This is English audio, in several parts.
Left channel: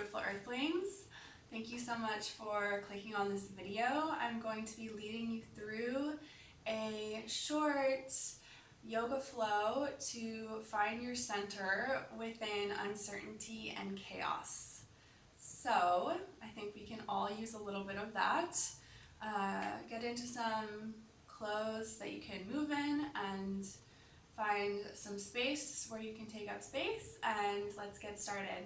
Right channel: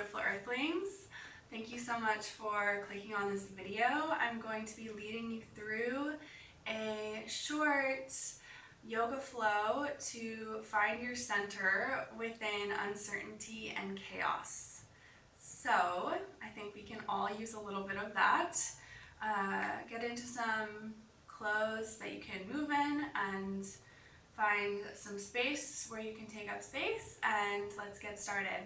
beautiful earthlings. Thank you so much for clicking on this video. I'm going to be leading you through a short yoga flow to find your center within uncertainty and chaos. So I think we can all use a little bit of that. Get into some clothes that you can move in and find some space where you can take up space, and let's get started.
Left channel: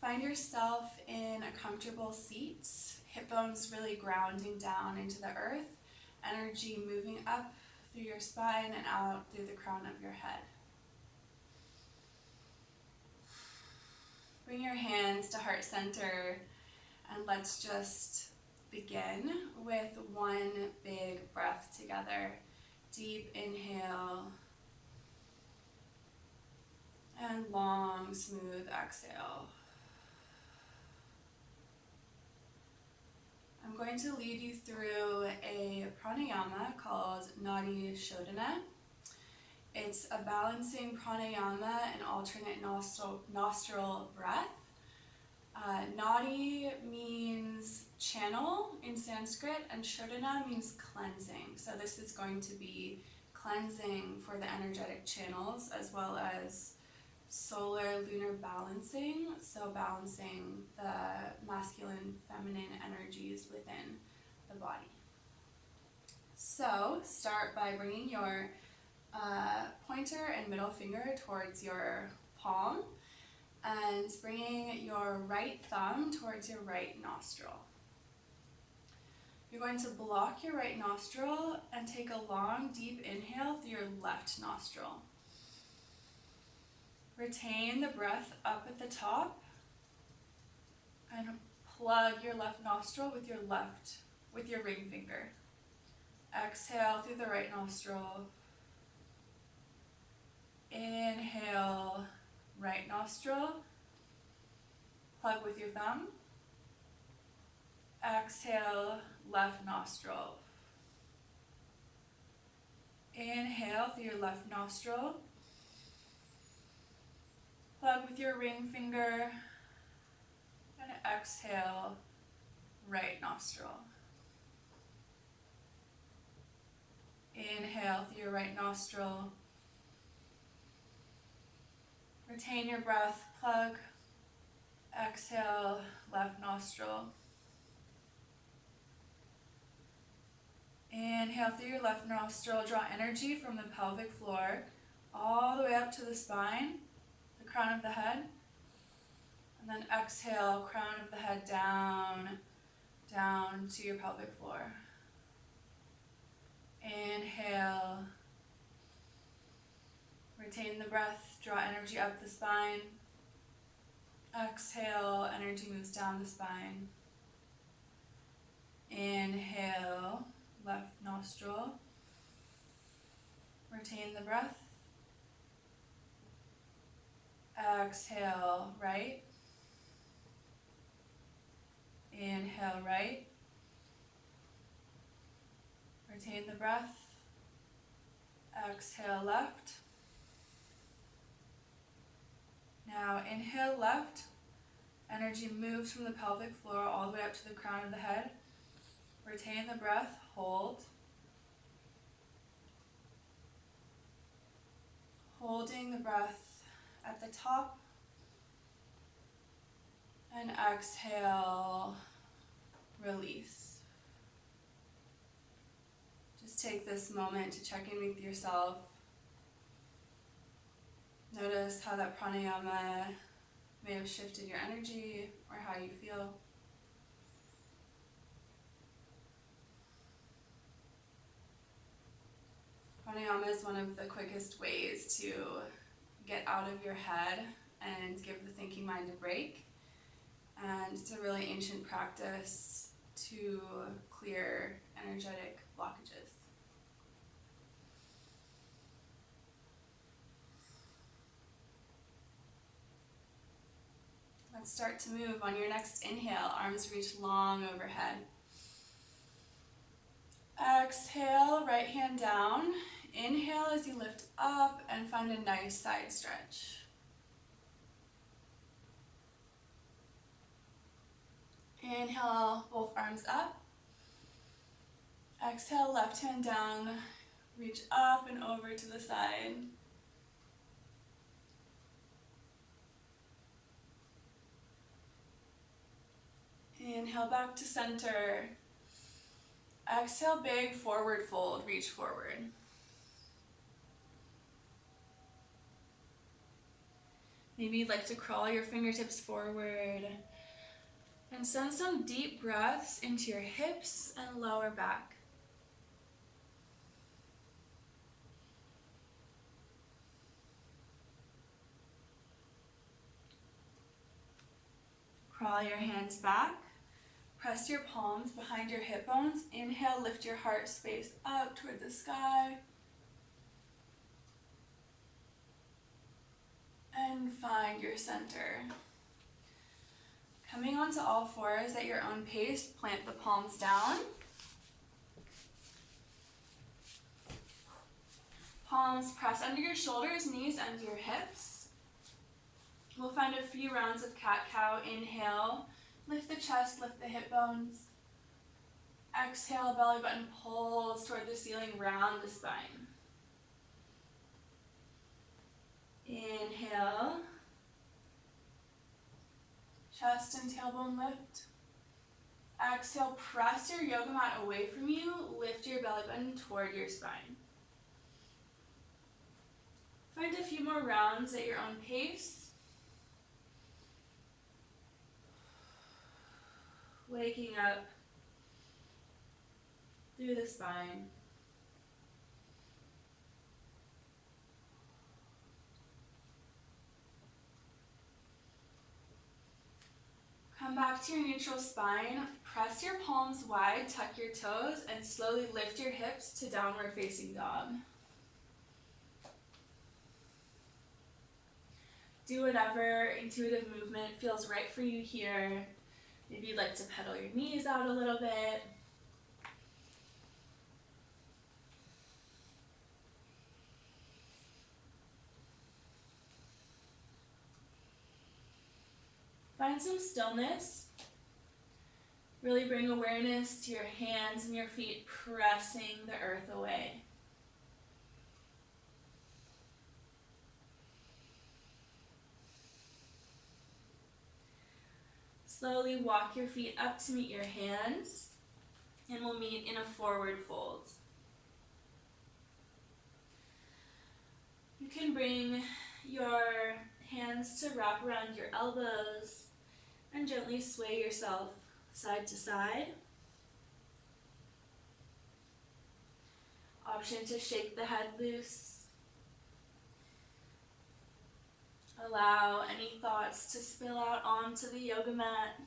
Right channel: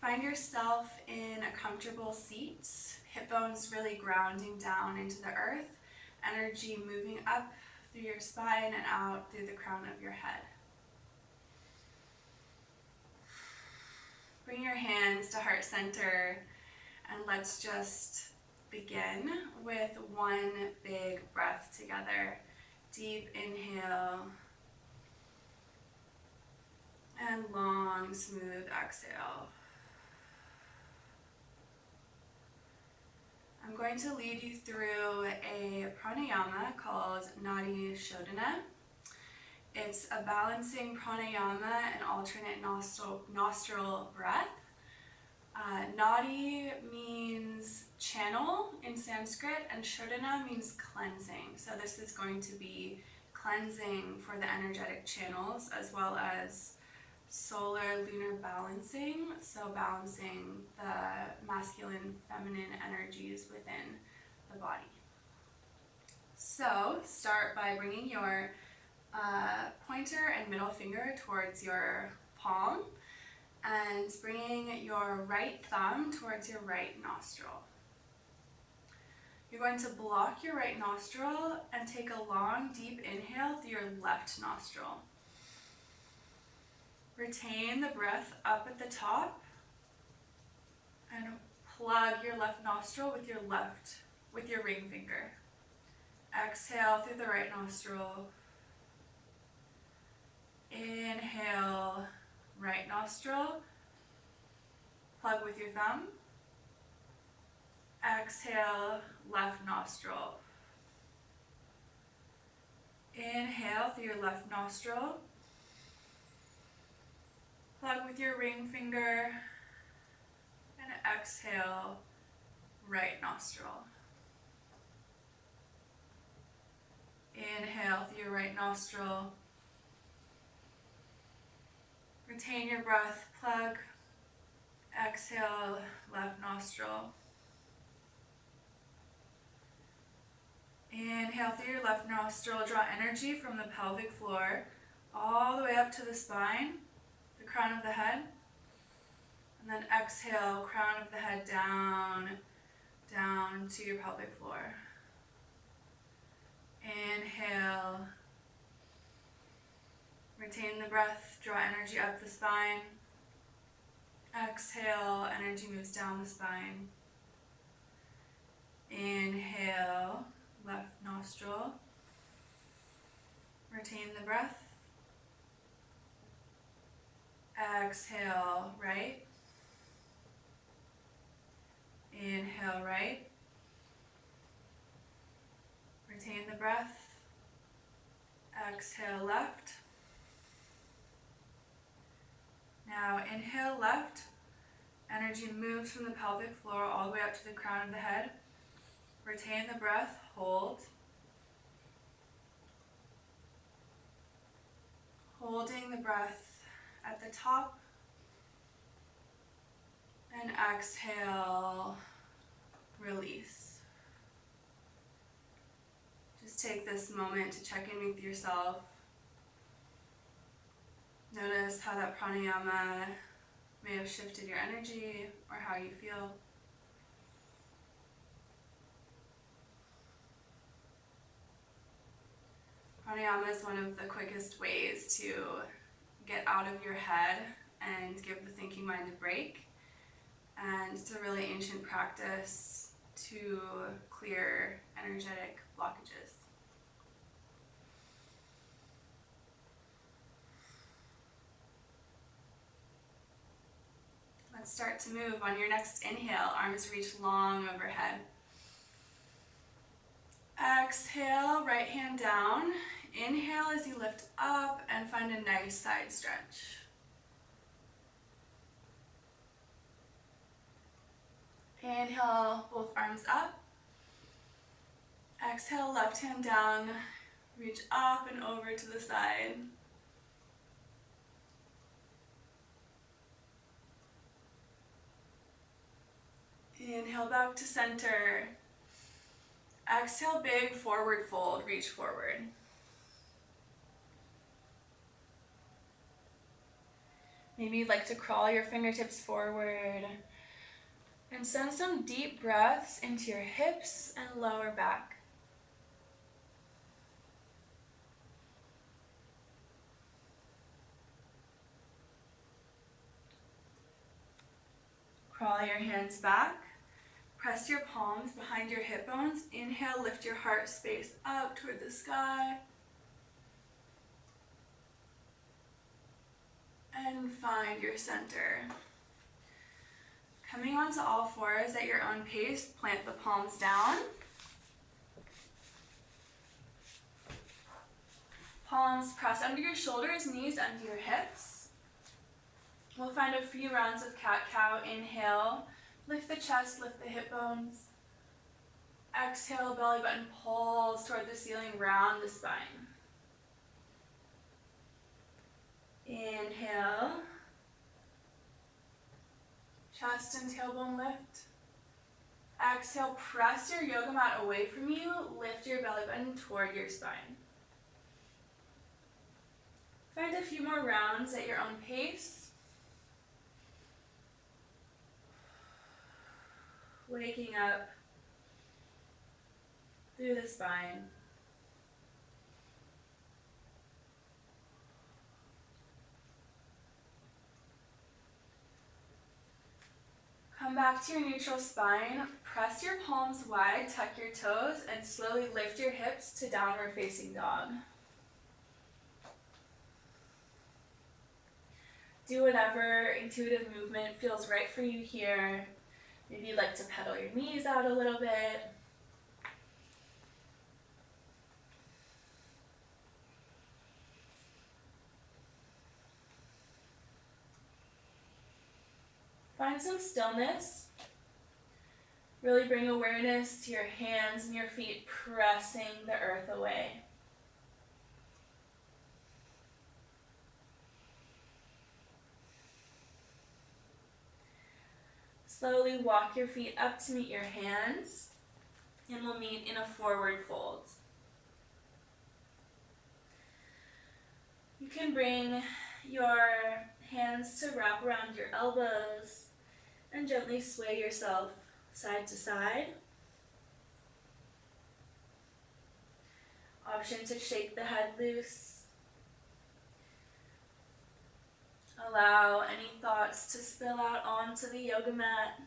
Find yourself in a comfortable seat, hip bones really grounding down into the earth, energy moving up through your spine and out through the crown of your head. Bring your hands to heart center and let's just begin with one big breath together. Deep inhale and long, smooth exhale. I'm going to lead you through a pranayama called Nadi Shodhana. It's a balancing pranayama and alternate nostril breath. Nadi means channel in Sanskrit, and Shodhana means cleansing. So this is going to be cleansing for the energetic channels as well as solar lunar balancing, so balancing the masculine feminine energies within the body. So start by bringing your pointer and middle finger towards your palm and bringing your right thumb towards your right nostril. You're going to block your right nostril and take a long, deep inhale through your left nostril. Retain the breath up at the top and plug your left nostril with your ring finger. Exhale through the right nostril. Inhale, right nostril. Plug with your thumb. Exhale, left nostril. Inhale through your left nostril. Plug with your ring finger. And exhale, right nostril. Inhale through your right nostril. Retain your breath, plug. Exhale, left nostril. Inhale through your left nostril, draw energy from the pelvic floor all the way up to the spine, the crown of the head. And then exhale, crown of the head down to your pelvic floor. Inhale. Retain the breath, draw energy up the spine. Exhale, energy moves down the spine. Inhale, left nostril. Retain the breath. Exhale, right. Inhale, right. Retain the breath. Exhale, left. Now inhale, left. Energy moves from the pelvic floor all the way up to the crown of the head. Retain the breath, hold. Holding the breath at the top. And exhale, release. Just take this moment to check in with yourself. Notice how that pranayama may have shifted your energy or how you feel. Pranayama is one of the quickest ways to get out of your head and give the thinking mind a break. And it's a really ancient practice to clear energetic blockages. Let's start to move. On your next inhale, arms reach long overhead. Exhale, right hand down. Inhale as you lift up and find a nice side stretch. Inhale, both arms up. Exhale, left hand down. Reach up and over to the side. Inhale, back to center. Exhale, big forward fold, reach forward. Maybe you'd like to crawl your fingertips forward and send some deep breaths into your hips and lower back. Crawl your hands back. Press your palms behind your hip bones. Inhale, lift your heart space up toward the sky. And find your center. Coming onto all fours at your own pace, plant the palms down. Palms press under your shoulders, knees under your hips. We'll find a few rounds of cat-cow. Inhale, lift the chest, lift the hip bones. Exhale, belly button pulls toward the ceiling, round the spine. Inhale. Chest and tailbone lift. Exhale, press your yoga mat away from you. Lift your belly button toward your spine. Find a few more rounds at your own pace. Waking up through the spine. Come back to your neutral spine. Press your palms wide, tuck your toes, and slowly lift your hips to downward facing dog. Do whatever intuitive movement feels right for you here. Maybe you'd like to pedal your knees out a little bit. Find some stillness. Really bring awareness to your hands and your feet pressing the earth away. Slowly walk your feet up to meet your hands, and we'll meet in a forward fold. You can bring your hands to wrap around your elbows and gently sway yourself side to side. Option to shake the head loose. Allow any thoughts to spill out onto the yoga mat.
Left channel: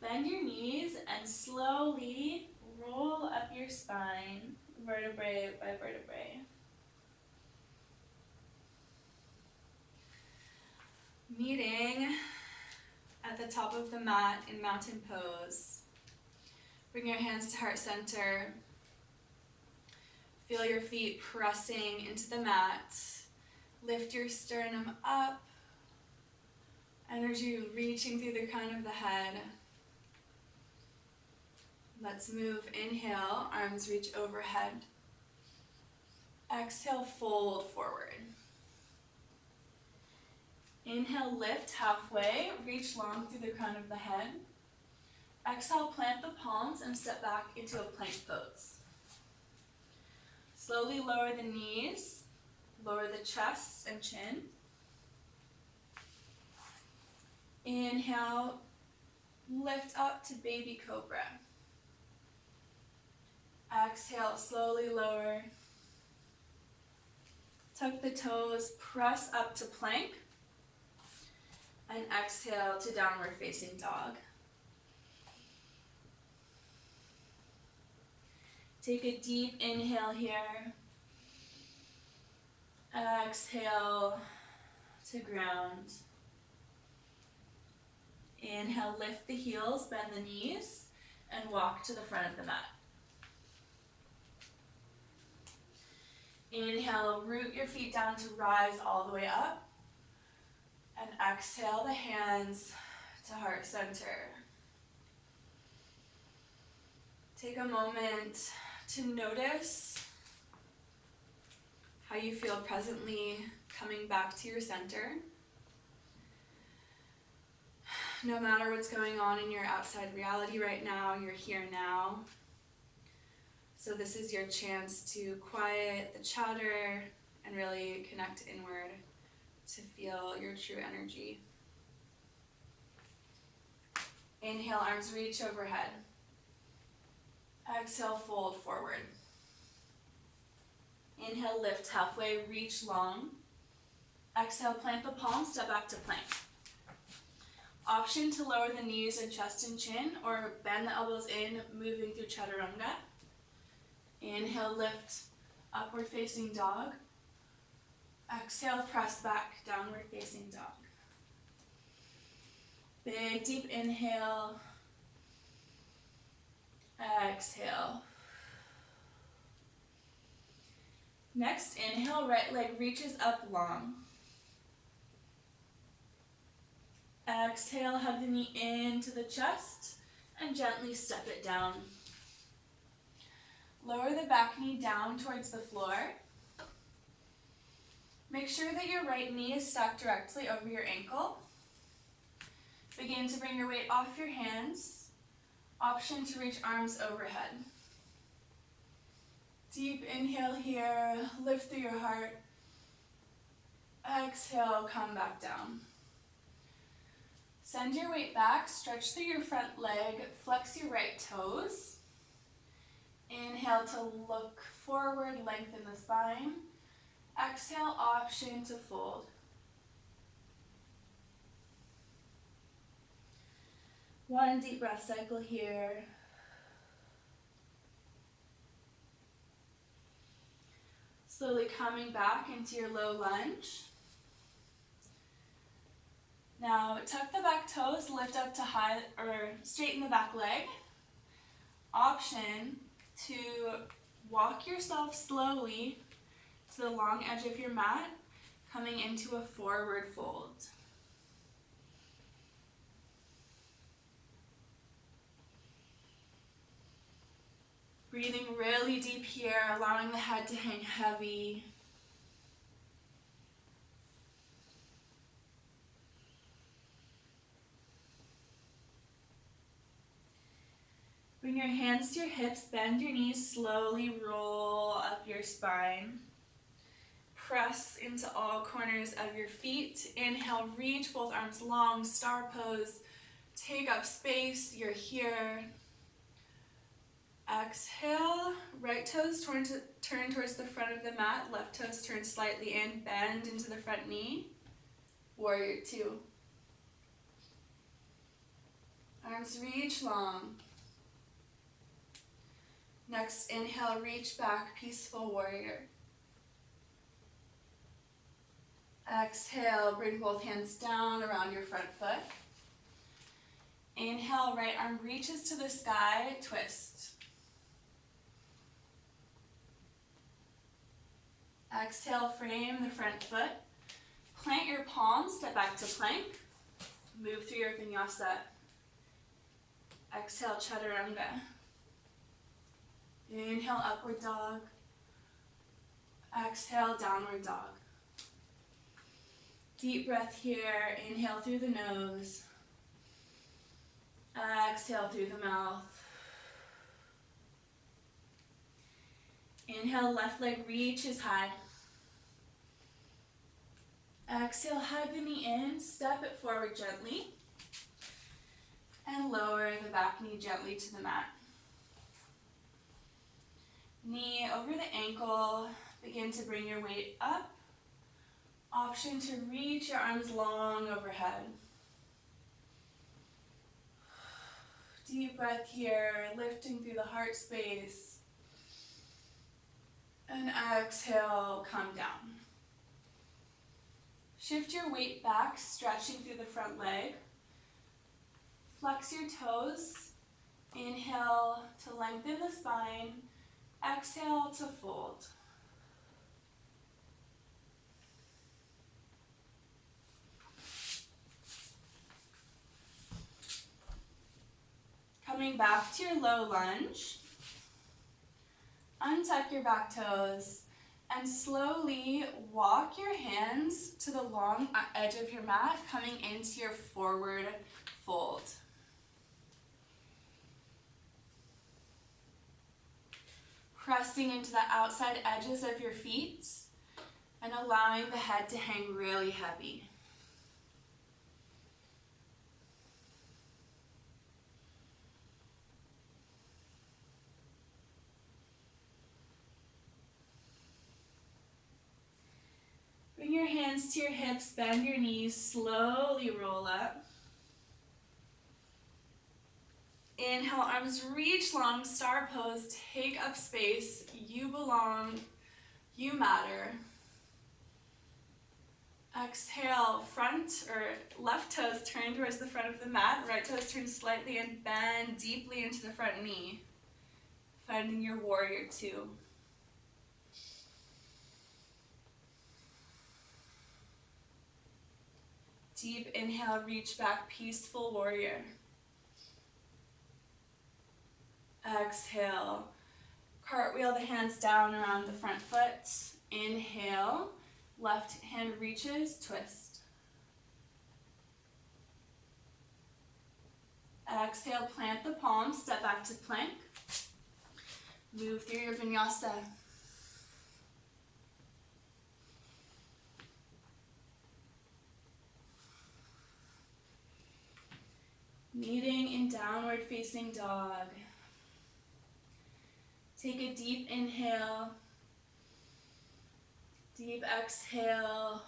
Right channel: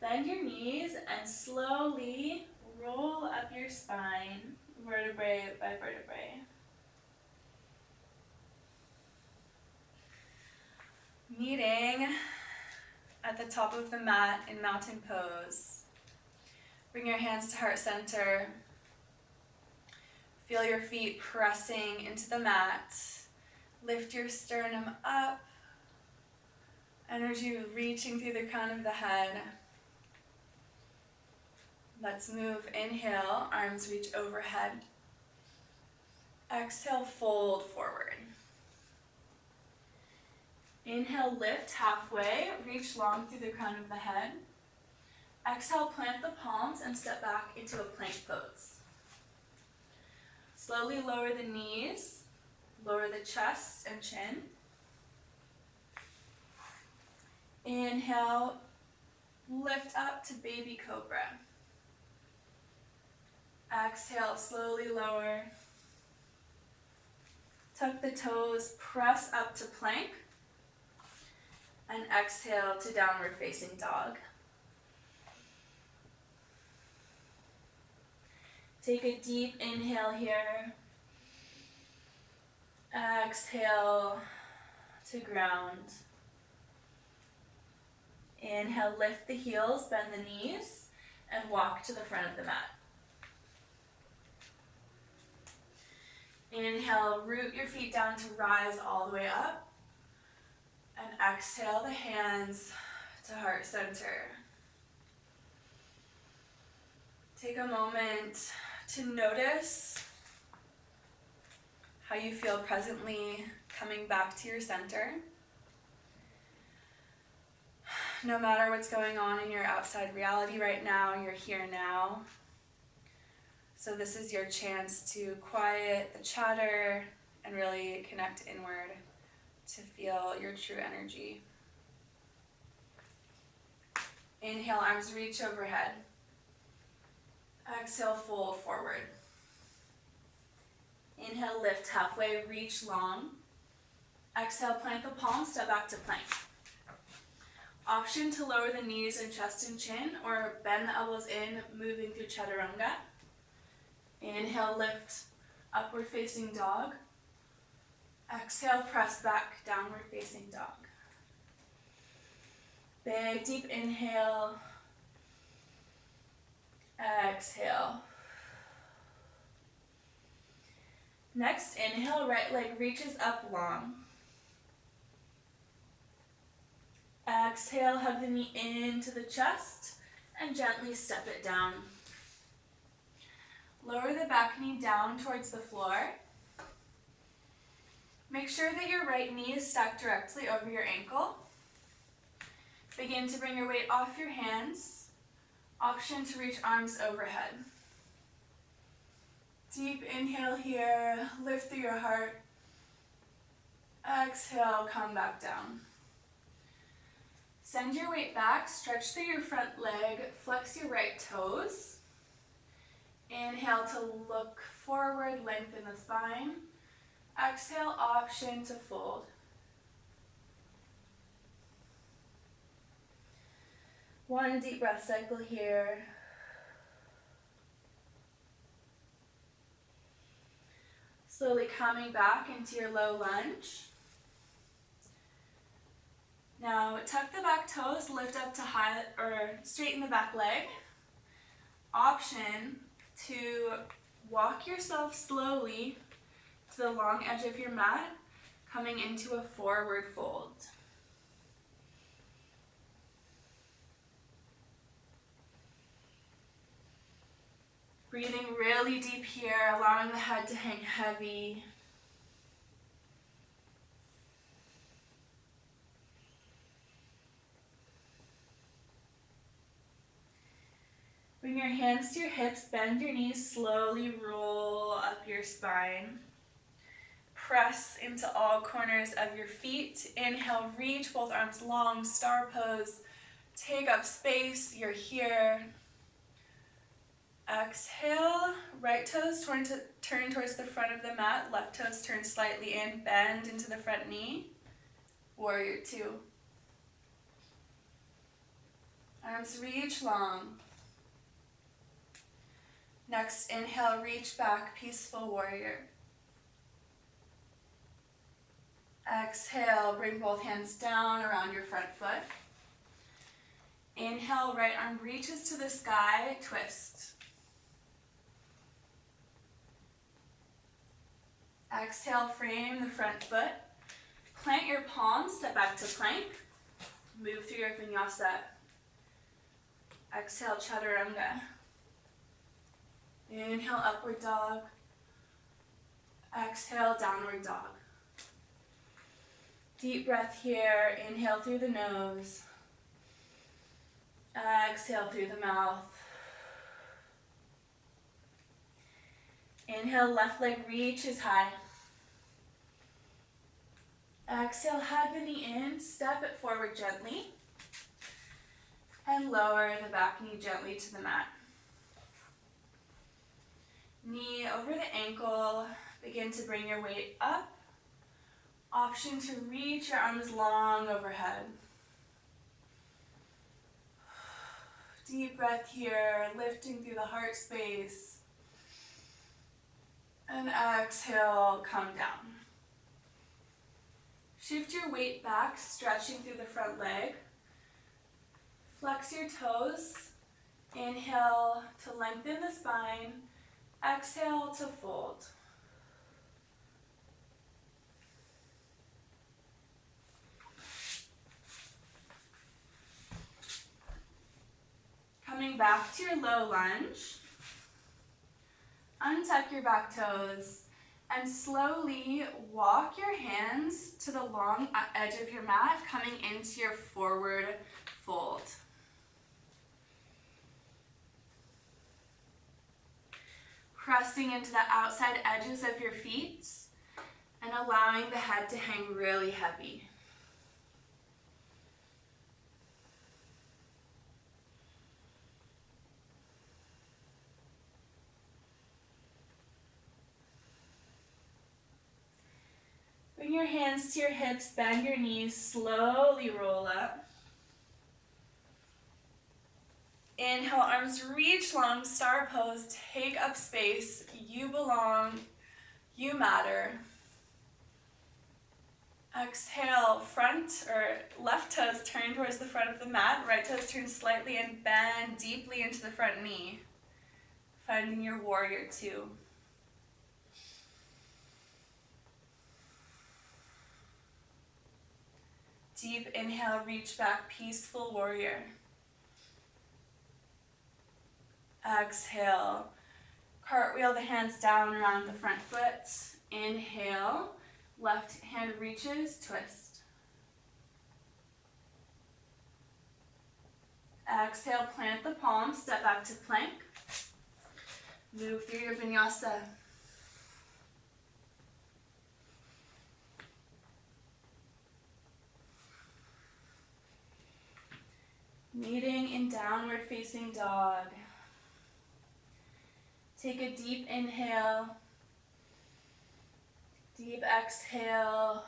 Bend your knees and slowly roll up your spine, vertebrae by vertebrae. Meeting at the top of the mat in mountain pose. Bring your hands to heart center. Feel your feet pressing into the mat. Lift your sternum up. Energy reaching through the crown of the head. Let's move. Inhale, arms reach overhead. Exhale, fold forward. Inhale, lift halfway, reach long through the crown of the head. Exhale, plant the palms and step back into a plank pose. Slowly lower the knees, lower the chest and chin. Inhale, lift up to baby cobra. Exhale, slowly lower. Tuck the toes, press up to plank. And exhale to downward facing dog. Take a deep inhale here. Exhale to ground. Inhale, lift the heels, bend the knees, and walk to the front of the mat. Inhale, root your feet down to rise all the way up. And exhale the hands, to heart center. Take a moment to notice how you feel presently coming back to your center. No matter what's going on in your outside reality right now, you're here now. So this is your chance to quiet the chatter and really connect inward to feel your true energy. Inhale, arms reach overhead. Exhale, fold forward. Inhale, lift halfway, reach long. Exhale, plant the palms, step back to plank. Option to lower the knees and chest and chin, or bend the elbows in, moving through chaturanga. Inhale, lift, upward facing dog. Exhale, press back, downward facing dog. Big, deep inhale. Exhale. Next, inhale, right leg reaches up long. Exhale, hug the knee into the chest and gently step it down. Lower the back knee down towards the floor. Make sure that your right knee is stacked directly over your ankle. Begin to bring your weight off your hands. Option to reach arms overhead. Deep inhale here, lift through your heart. Exhale, come back down. Send your weight back, stretch through your front leg, flex your right toes. Inhale to look forward, lengthen the spine. Exhale, option to fold. One deep breath cycle here. Slowly coming back into your low lunge. Now tuck the back toes, lift up to high, or straighten the back leg. Option to walk yourself slowly to the long edge of your mat, coming into a forward fold. Breathing really deep here, allowing the head to hang heavy. Bring your hands to your hips, bend your knees, slowly roll up your spine. Press into all corners of your feet. Inhale, reach both arms long, star pose. Take up space, you're here. Exhale, right toes turn towards the front of the mat, left toes turn slightly in, bend into the front knee. Warrior two. Arms reach long. Next, inhale, reach back, peaceful warrior. Exhale, bring both hands down around your front foot. Inhale, right arm reaches to the sky, twist. Exhale, frame the front foot. Plant your palms, step back to plank. Move through your Vinyasa. Exhale, chaturanga. Inhale, upward dog. Exhale, downward dog. Deep breath here. Inhale through the nose. Exhale through the mouth. Inhale, left leg reaches high. Exhale, hug the knee in, step it forward gently. And lower the back knee gently to the mat. Knee over the ankle, begin to bring your weight up. Option to reach your arms long overhead. Deep breath here, lifting through the heart space. And exhale, come down. Shift your weight back, stretching through the front leg. Flex your toes. Inhale to lengthen the spine. Exhale to fold. Coming back to your low lunge. Untuck your back toes and slowly walk your hands to the long edge of your mat, coming into your forward fold. Pressing into the outside edges of your feet and allowing the head to hang really heavy. Bring your hands to your hips, bend your knees, slowly roll up. Inhale, arms reach long, star pose, take up space. You belong, you matter. Exhale, front or left toes turn towards the front of the mat, right toes turn slightly and bend deeply into the front knee. Finding your warrior two. Deep inhale, reach back, peaceful warrior. Exhale, cartwheel the hands down around the front foot. Inhale, left hand reaches, twist. Exhale, plant the palms, step back to plank. Move through your vinyasa. Meeting in downward facing dog. Take a deep inhale, deep exhale.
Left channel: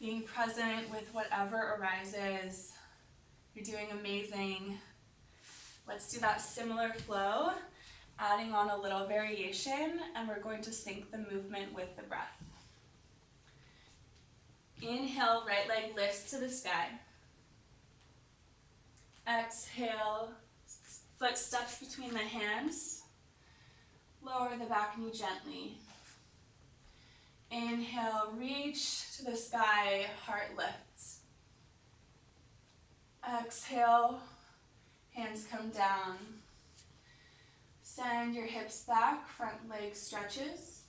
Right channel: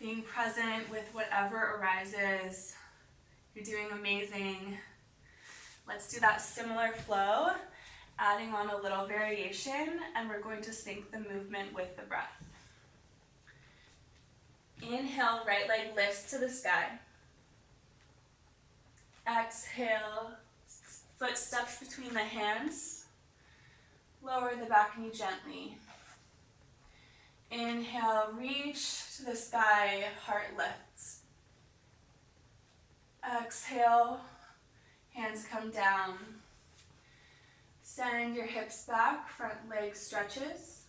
Being present with whatever arises. You're doing amazing. Let's do that similar flow, adding on a little variation, and we're going to sync the movement with the breath. Inhale, right leg lifts to the sky. Exhale, foot steps between the hands. Lower the back knee gently. Inhale, reach to the sky, heart lifts. Exhale, hands come down. Send your hips back, front leg stretches.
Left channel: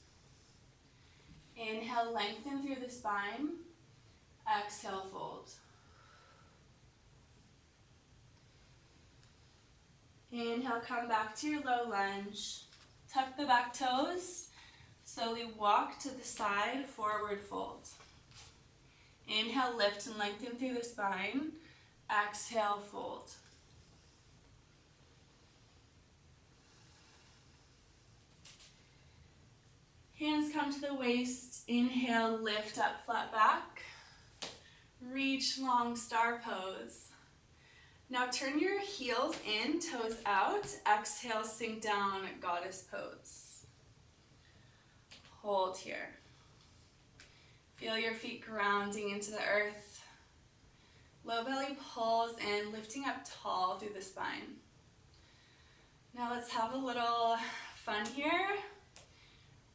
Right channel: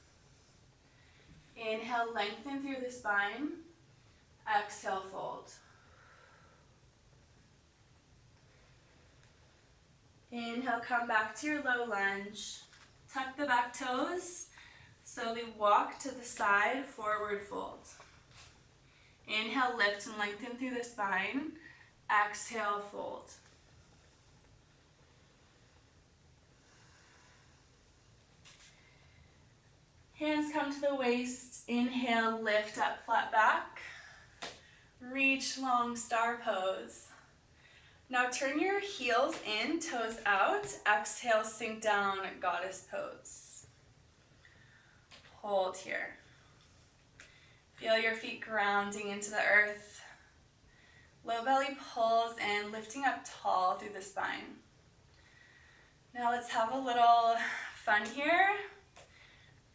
Inhale, lengthen through the spine. Exhale, fold. Inhale, come back to your low lunge. Tuck the back toes. Slowly walk to the side, forward fold. Inhale, lift and lengthen through the spine. Exhale, fold. Hands come to the waist. Inhale, lift up, flat back. Reach long, star pose. Now turn your heels in, toes out. Exhale, sink down, goddess pose. Hold here. Feel your feet grounding into the earth. Low belly pulls in, lifting up tall through the spine. Now let's have a little fun here.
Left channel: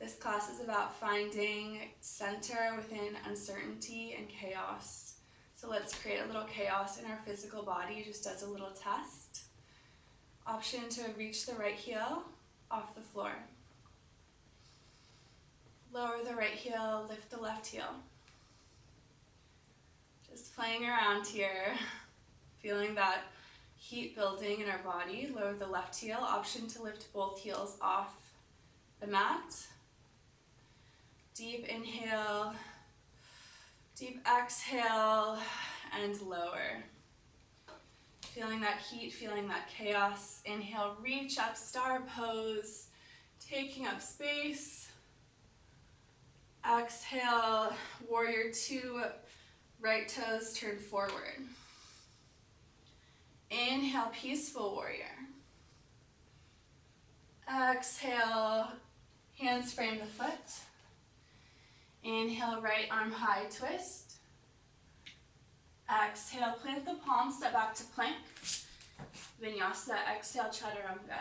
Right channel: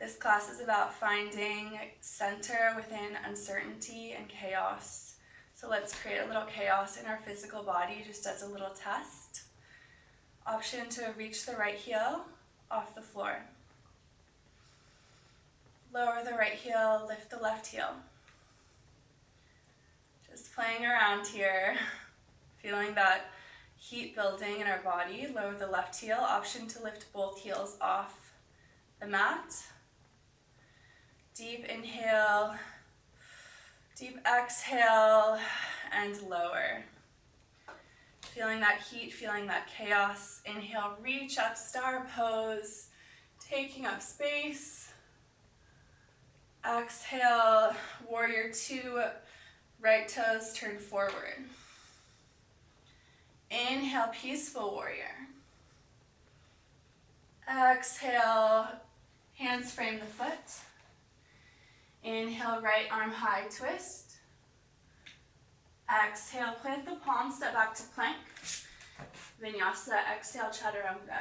This class is about finding center within uncertainty and chaos. So let's create a little chaos in our physical body just as a little test. Option to reach the right heel off the floor. Lower the right heel, lift the left heel. Just playing around here, feeling that heat building in our body. Lower the left heel, option to lift both heels off the mat. Deep inhale, deep exhale, and lower. Feeling that heat, feeling that chaos. Inhale, reach up, star pose, taking up space. Exhale, warrior two, right toes turn forward. Inhale, peaceful warrior. Exhale, hands frame the foot. Inhale, right arm high twist. Exhale, plant the palms, step back to plank. Vinyasa, exhale, chaturanga.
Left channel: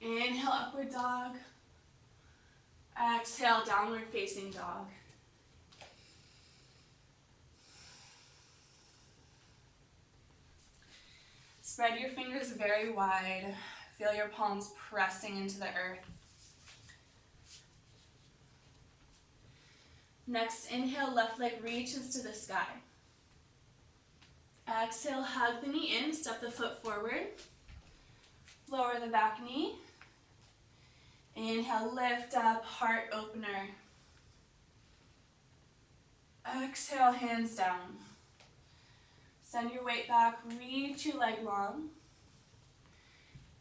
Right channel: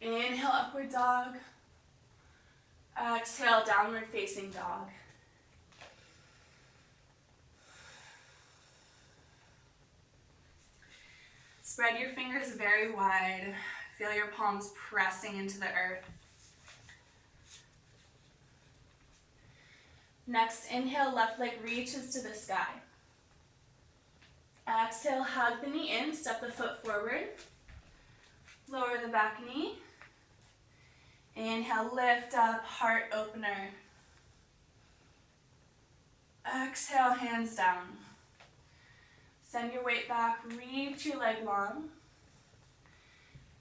Inhale, upward dog. Exhale, downward facing dog. Spread your fingers very wide. Feel your palms pressing into the earth. Next, inhale, left leg reaches to the sky. Exhale, hug the knee in, step the foot forward. Lower the back knee. Inhale, lift up, heart opener. Exhale, hands down. Send your weight back, reach your leg long.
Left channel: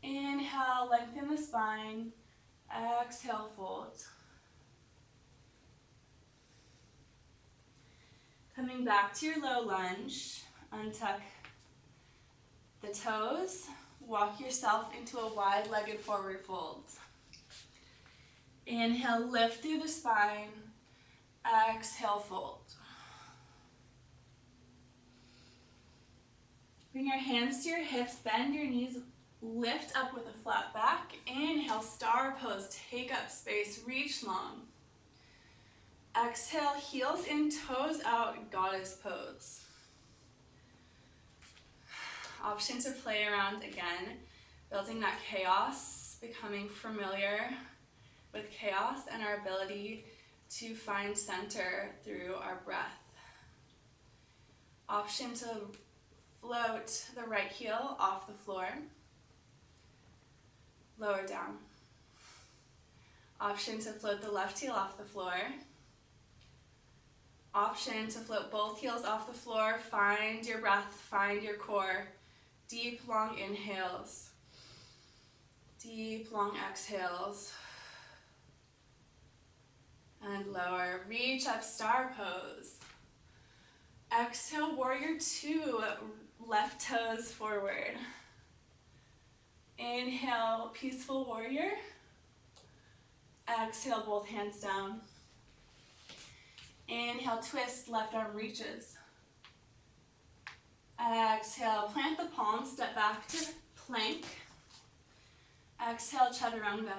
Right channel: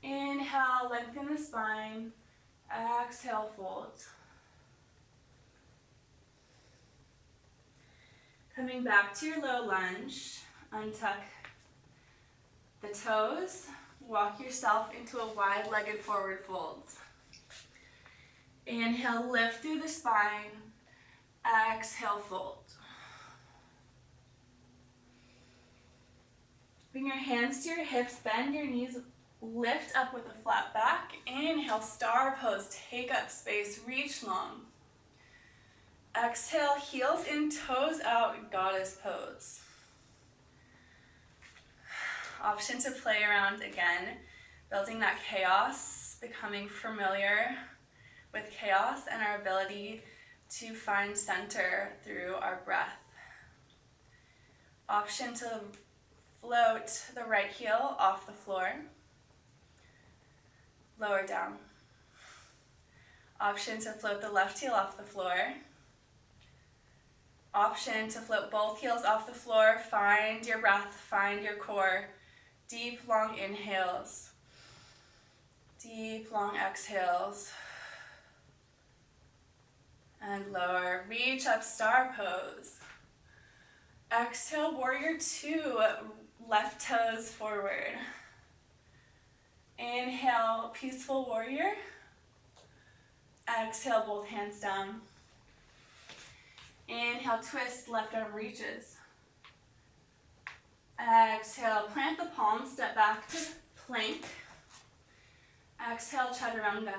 Inhale, lengthen the spine. Exhale, fold. Coming back to your low lunge, untuck the toes. Walk yourself into a wide-legged forward fold. Inhale, lift through the spine. Exhale, fold. Bring your hands to your hips, bend your knees, lift up with a flat back. Inhale, star pose, take up space, reach long. Exhale, heels in, toes out, goddess pose. Option to play around again, building that chaos, becoming familiar with chaos and our ability to find center through our breath. Option to float the right heel off the floor, lower down. Option to float the left heel off the floor. Option to float both heels off the floor. Find your breath, find your core. Deep, long inhales. Deep, long exhales. And lower. Reach up, star pose. Exhale, warrior two. Left toes forward. Inhale, peaceful warrior. Exhale, both hands down. Inhale, twist, left arm reaches. Exhale, plant the palms, step back to plank. Exhale, chaturanga.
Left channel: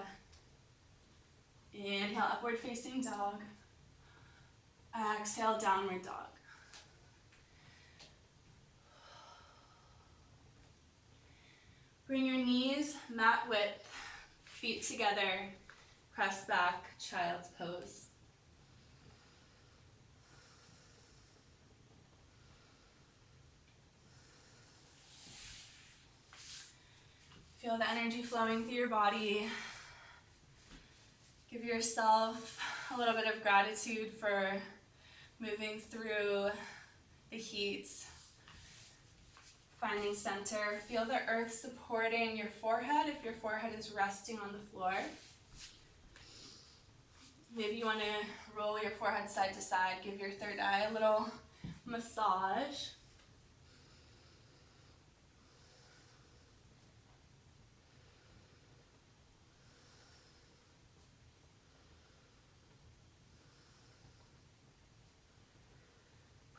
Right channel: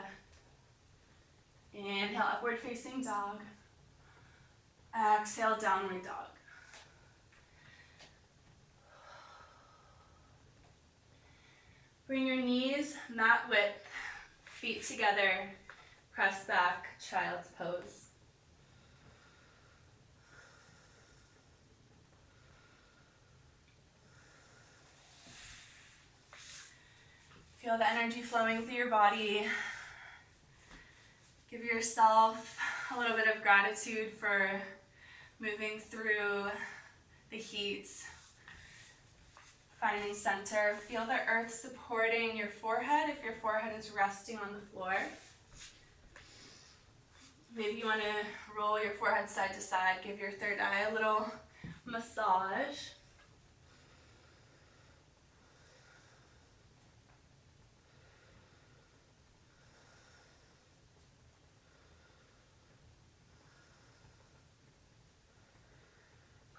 Inhale, upward facing dog. Exhale, downward dog. Bring your knees mat width, feet together, press back, child's pose. Feel the energy flowing through your body. Give yourself a little bit of gratitude for moving through the heat. Finding center. Feel the earth supporting your forehead if your forehead is resting on the floor. Maybe you want to roll your forehead side to side. Give your third eye a little massage.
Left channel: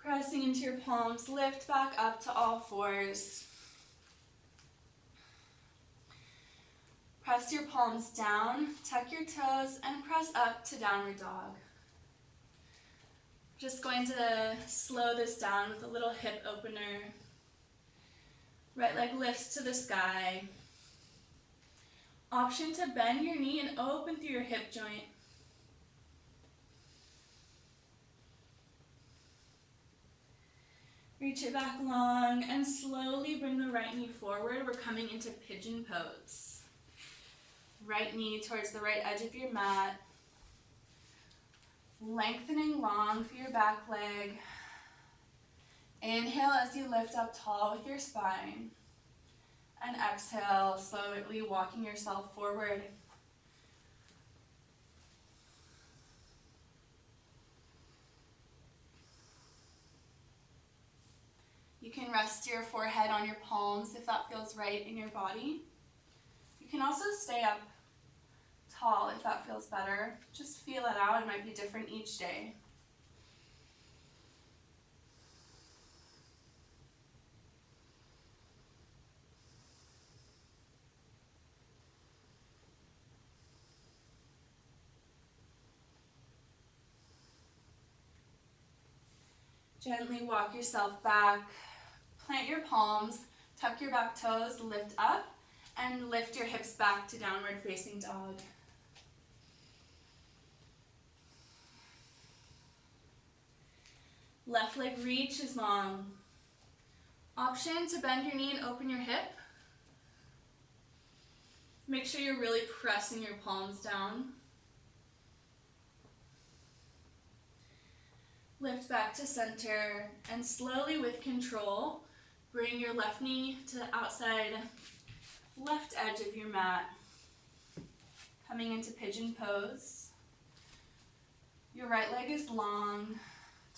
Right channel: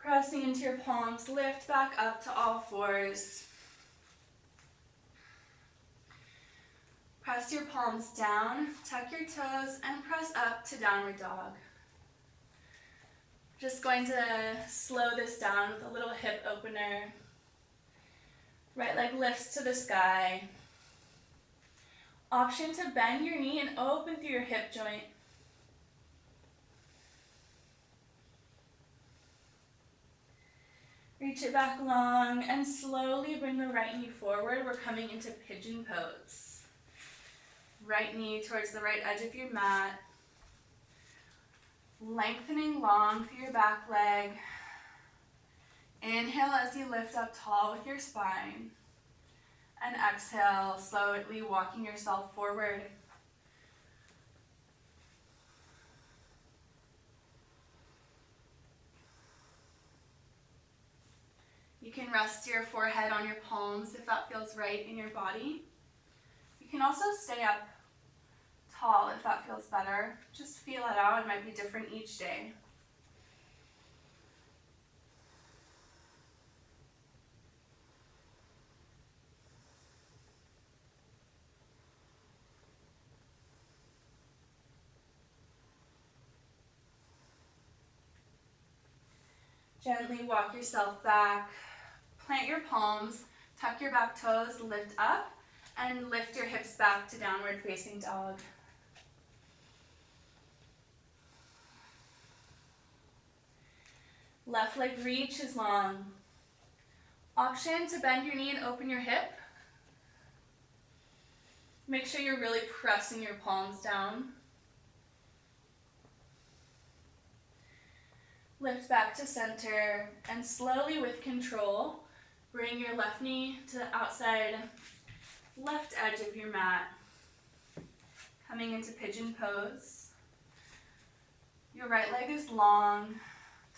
Pressing into your palms, lift back up to all fours. Press your palms down, tuck your toes, and press up to downward dog. Just going to slow this down with a little hip opener. Right leg lifts to the sky. Option to bend your knee and open through your hip joint. Reach it back long and slowly bring the right knee forward. We're coming into pigeon pose. Right knee towards the right edge of your mat. Lengthening long through your back leg. Inhale as you lift up tall with your spine. And exhale, slowly walking yourself forward. You can rest your forehead on your palms if that feels right in your body. You can also stay up tall if that feels better. Just feel it out. It might be different each day. Gently walk yourself back. Plant your palms, tuck your back toes, lift up, and lift your hips back to downward facing dog. Left leg reaches long. Option to bend your knee and open your hip. Make sure you're really pressing your palms down. Lift back to center, and slowly with control, bring your left knee to the outside left edge of your mat. Coming into pigeon pose. Your right leg is long,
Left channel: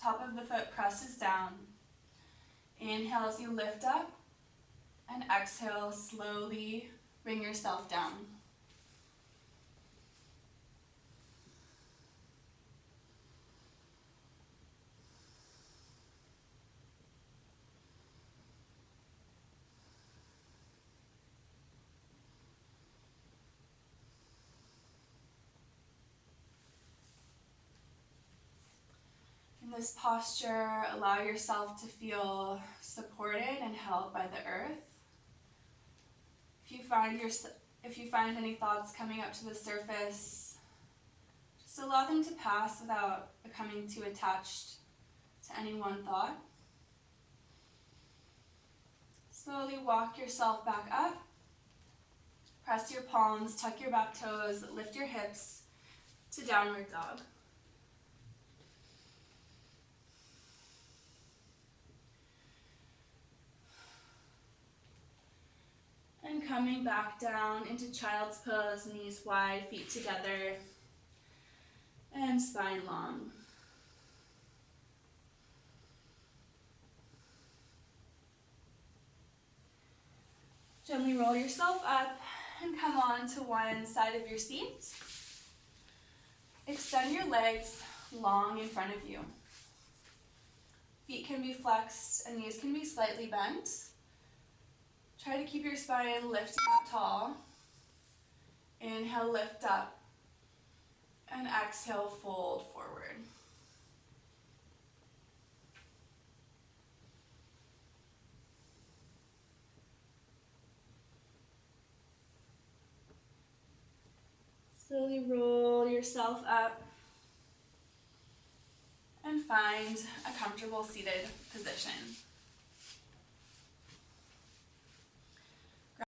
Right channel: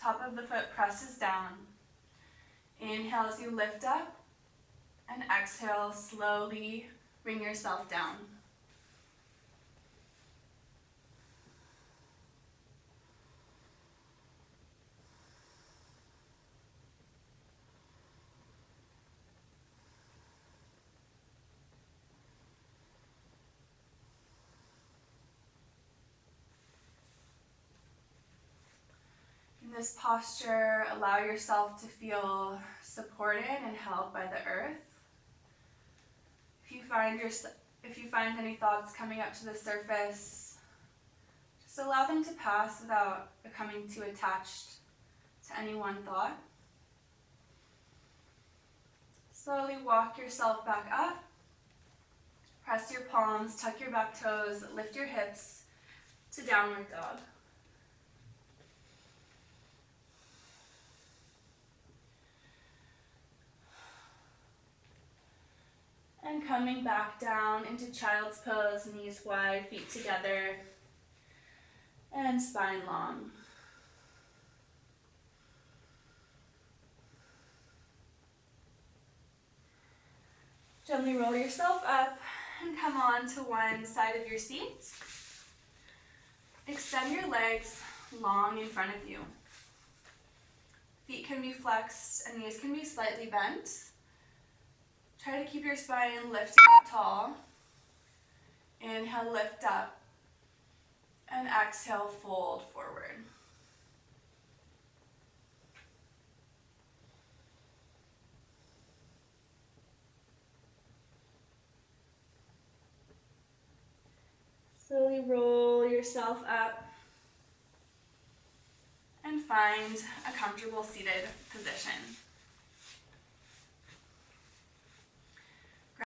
top of the foot presses down. Inhale as you lift up, and exhale, slowly bring yourself down. In this posture, allow yourself to feel supported and held by the earth. If you find any thoughts coming up to the surface, just allow them to pass without becoming too attached to any one thought. Slowly walk yourself back up. Press your palms, tuck your back toes, lift your hips to downward dog. And coming back down into child's pose, knees wide, feet together, and spine long. Gently roll yourself up and come on to one side of your seat. Extend your legs long in front of you. Feet can be flexed and knees can be slightly bent. Try to keep your spine lifted up tall. Inhale, lift up. And exhale, fold forward. Slowly roll yourself up and find a comfortable seated position.